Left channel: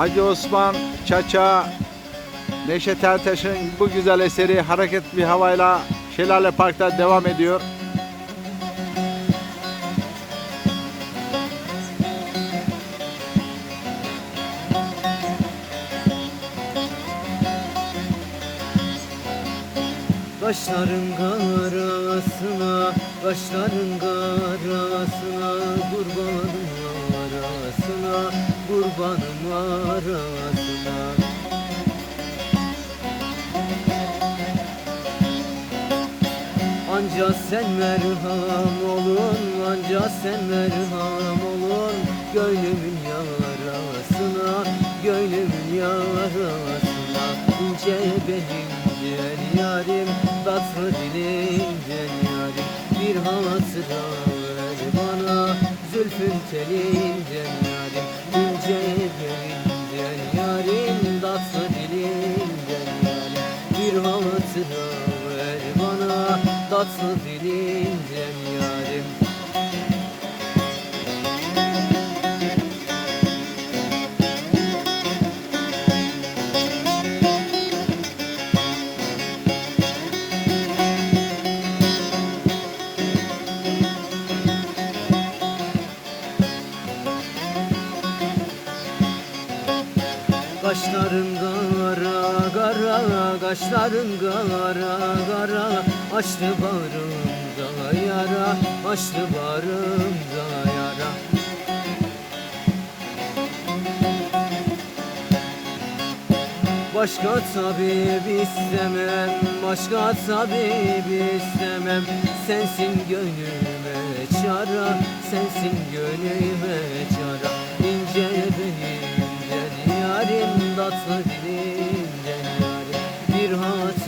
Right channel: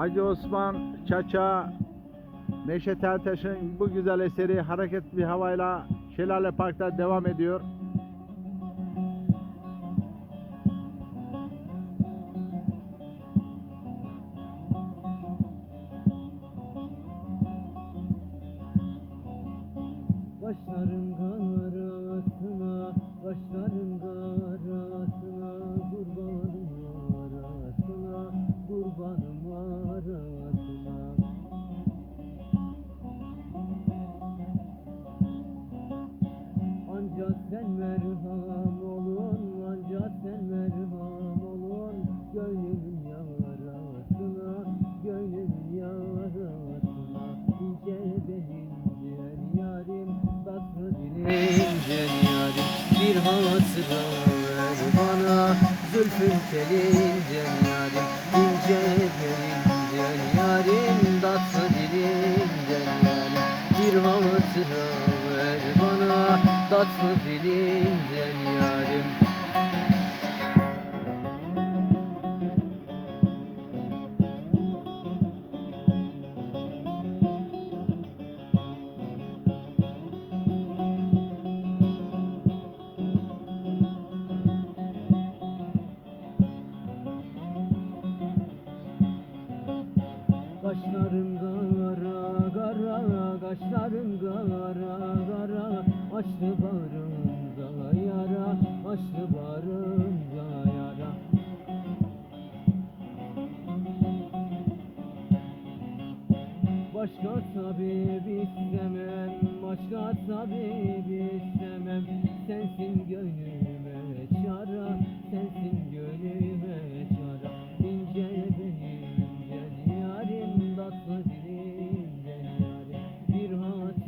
Hacı Osman Çaça Neşet Ertaş'ın bu güzel eseri hareket bir havayla Şelale Park'ta devam ediyor. Kaşların karasına, kaşların karasına arasına. Anca sen merham olun, anca sen merham olun. Gönlümün yarasına, gönlümün yarasına. İnce belimden yarim, tatlı dilimden yarim. Bir hatıra ver bana, zülfün telinden yarim hatıra ver bana, tatlı dilimden yarim. Kaşların kara kaşların kara kara Açtı bağrımda yara, açtı bağrımda yara. Başka tabip istemem, başka tabip istemem. Sensin gönlüme çara, sensin gönlüme çara. İnce belimden yarim, tatlı Bir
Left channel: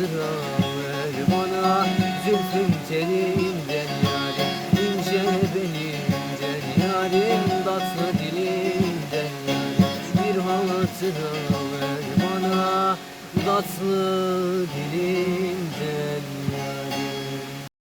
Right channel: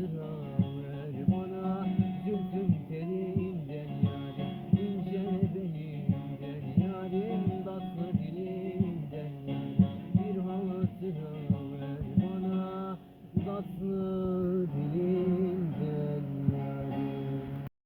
hatıra ver bana, zülfün telinden yarim İnce belimden yarim, tatlı dilimden yarim Bir hatıra ver bana, tatlı dilimden